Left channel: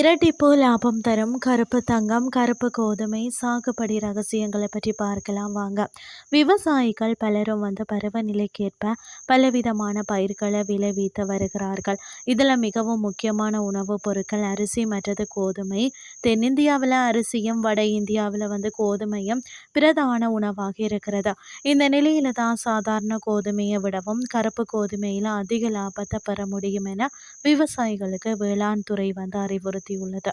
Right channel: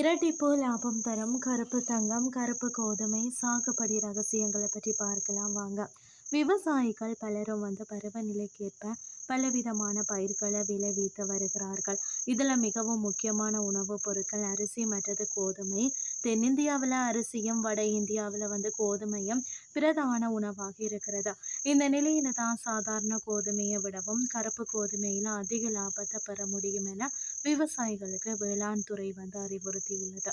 லாபம் தரும் கருப்பு தங்கம் கருப்பு கோதுமை சாகுபடி ரகசியங்களை பற்றி பார்க்கலாம் வாங்க. விவசாயிகள் பலரும் வந்து பருவநிலைக்கேற்ப பலவிதமான பயிர்களை விளைவித்து வருகிறார்கள். இதில் மிகவும் முக்கியமான உணவுப் பொருட்கள் அரிசி மற்றது கோதுமை. தென்னிந்தியாவில் அரிசியும் வட இந்தியாவில் வந்து கோதுமையும் பிரதான உணவாக இருக்கிறது. இந்த நிலையில தான் சாதாரண கோதுமையை விடவும் கருப்பு கோதுமையில் அதிக லாபத்தை பெற முடியும் என விவசாயிகளுக்கு வேளாண் துறை வந்து அறிவுறுத்தியுள்ளது.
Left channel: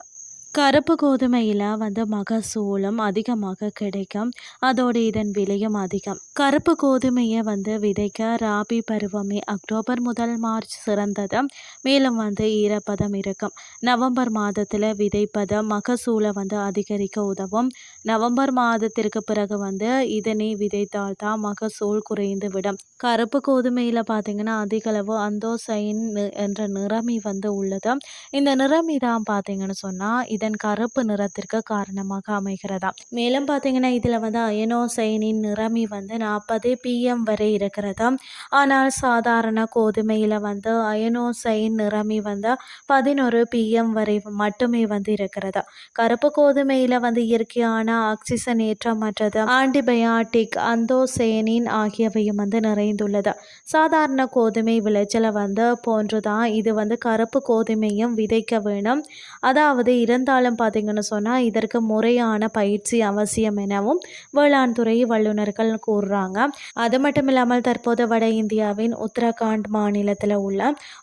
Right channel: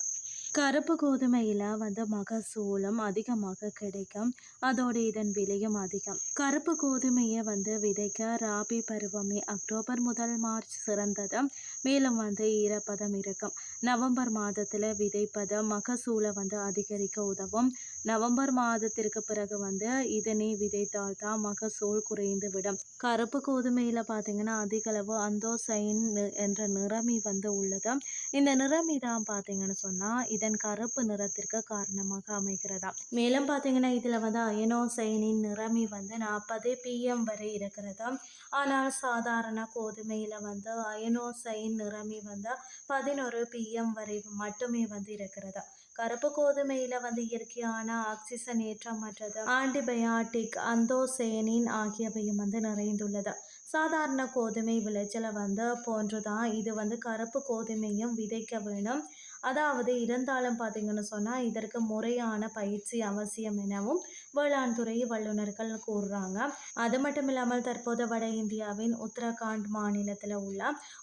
கருப்பு கோதுமையில் வந்து மகசூலும் அதிகமாக கிடைக்கும். அதோடு இதன் விலையும் அதிகம். கருப்பு கோதுமையை வந்து விதைக்க ராபி பருவமே அக்டோபர் முதல் மார்ச் சிறந்தது. மேலும் வந்து ஈரப்பதம் இருக்கும். நவம்பர் மாதத்தில் விதைப்பதம் மகசூலை வந்து அதிகரிக்க உதவும். நவம்பர் மாதத்திற்கு பிறகு வந்து இதனை விதைத்தால் தான் மகசூல் குறைந்து விடும். கருப்பு கோதுமையில் பார்த்தீங்கன்னா அதிகளவு அந்தோசைன் என்ற நிறமி வந்து உள்ளது. இந்த நிறமி தான் பார்த்தீங்கன்னு சொன்னால் இதன் கருப்பு நிறத்திற்கு காரணமாக அமைகிறதா? மேலும் பார்த்தீங்கன்னா இதில் வந்து அயனோசைனின் நிறமி வந்து நாற்பது பிஎம் வரை இருக்கிறதா? ஆனால் சாதாரண கோதுமையில் வந்து அயனோசைன் நிறமி வந்து பதினொரு பிஎம் வரை மட்டுமே வந்து இருக்கிறதா? கருப்பு கோதுமையில் வந்து இயற்கையான ஆக்சிஜன் ஏற்றமற்றது ஆன்டிபயாட்டிக் அந்தோசேனின் ஆகியவையும் வந்து நிறைந்துள்ளது? சாதாரண கோதுமை விளைச்சலை வந்து போன்றுதான் இது வந்து கருப்பு கோதுமையும் விதைக்க வேணும். அதாவது இறந்த காலம் பார்த்திங்கன்னு சொன்னால் இதற்கு முறையான பயிற்சி அவசியம் எனவும் வேளாண் துறை வல்லுநர்கள் கூறுறாங்க. அது மட்டும் இல்லாமல் தற்போது வட இந்தியாவின் உத்தரகாண்ட் மாநிலத்தில் உள்ள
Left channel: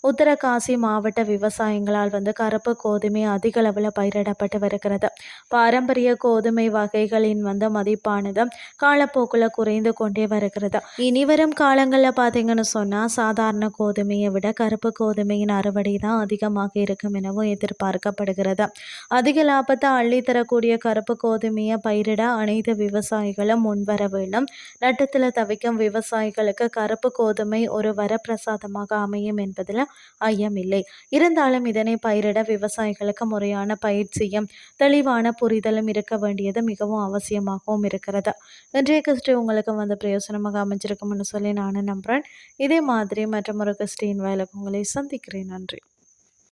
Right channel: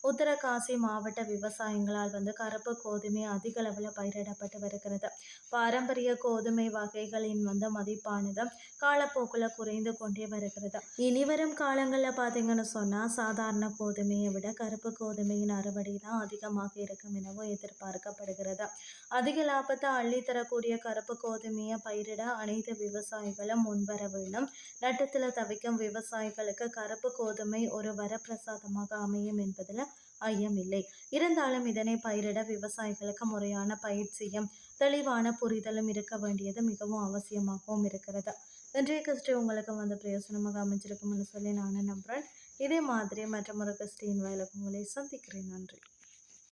உத்தரகாசி மாவட்ட விவசாயங்களால் வந்து கருப்பு கோதுமை அதிக அளவில் பயிரிடப்பட்டு வருகிறது. பாரம்பரிய கோதுமை வகைகளின் வந்து மதிப்பானது காலப்போக்கில் குறைந்து கொண்டே வருகிறது. இனி வரும் காலங்களில் பார்த்தீங்கன்னு சொன்னால் சாதாரண கோதுமையை விட கருப்பு கோதுமையின் அறுவடை தான் அதிகமாக இருக்கும் எனவும் எதிர்பார்க்கப்படுகிறது. அதிக லாபத்தை அள்ளித்தரக்கூடிய கருப்பு கோதுமையை பயிரிட அனைத்து விவசாயிகளும் முன்வர வேண்டும். நட்டத்தில் தவிக்கும் விவசாயிகளுக்கு கருப்பு கோதுமை ஒரு வரப்பிரசாதமாக அமையும் என்பதில் ஐயமில்லை இருந்தாலும் இதனை பயிரிட விவசாயிகளுக்கு முறையான பயிற்சியும் தெளிவான புரிதலும் இருக்க வேண்டியது மிகவும் அவசியமாகவும் இருக்கிறது. இன்றைய கிறிஸ்டி உங்களுக்கு வந்து பிரயோசனமாக அமைஞ்சிருக்கும்னு சொல்லி நானும் நம்புகிறேன் இதே மாதிரி மற்றும் ஒரு கிறிஸ்டின் வயலுக்கு உங்களை சந்திக்கிறேன். நன்றி.